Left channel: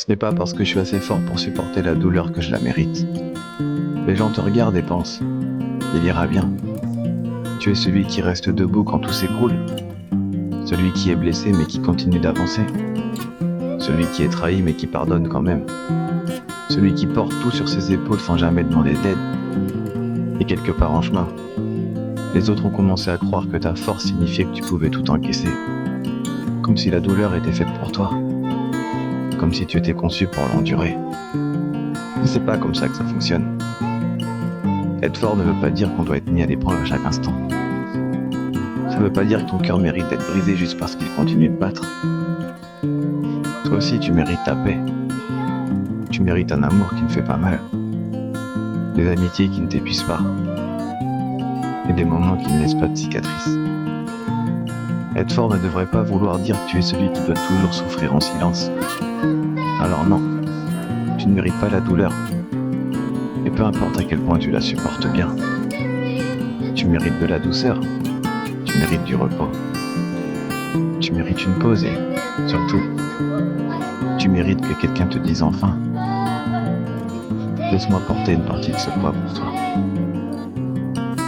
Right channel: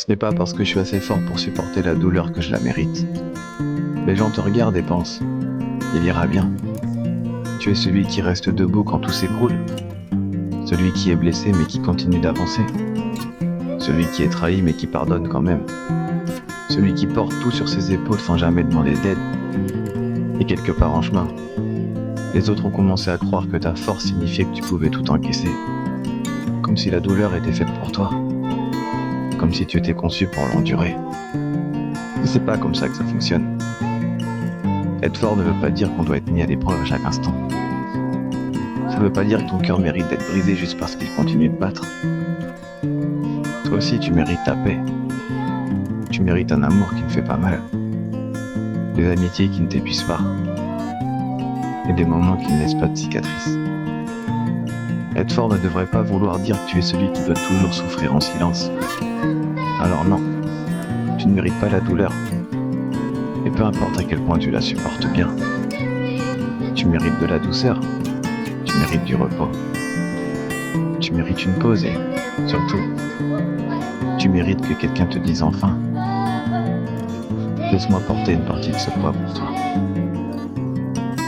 Ce n'est pas parce que je suis assez fort pour supporter la douleur que je la mérite. Les gens te regardent et pensent, il ira bien. Tu es celui qui reste debout quand tout s'écroule. Celui qui est blessé mais qui continue d'avancer. Celui qui est trahi mais qui pardonne quand même. Celui qui porte tout sur ses épaules sans jamais demander d'aide. Et quelque part en chemin, les autres ont commencé à croire que ta force signifiait que tu pouvais tout encaisser. Comme si la douleur était faite pour toi. Comme si tu étais conçu pour l'endurer. Mais c'est pas comme ça que ça fonctionne. Être fort ne veut pas dire qu'on doit être mis à l'épreuve à chaque instant. Ça veut pas dire que ton cœur mérite d'être brisé juste parce qu'il continue de battre. Toi aussi, tu mérites ta paix. Tu mérites un amour qui ne fait pas mal. Des amitiés qui ne t'épuisent pas. Et des moments qui ne laissent pas de cicatrices. Être fort ne devrait pas vouloir dire que tu es celui qui doit toujours souffrir en silence. Alors non, tu ne mérites pas la douleur. Et peu importe à quel point tu la supportes bien. Tu mérites de la douceur. Tu mérites du repos. Tu mérites une pause et, surtout, tu mérites que quelqu'un te dise enfin, laisse-moi porter une partie de ce poids pour toi.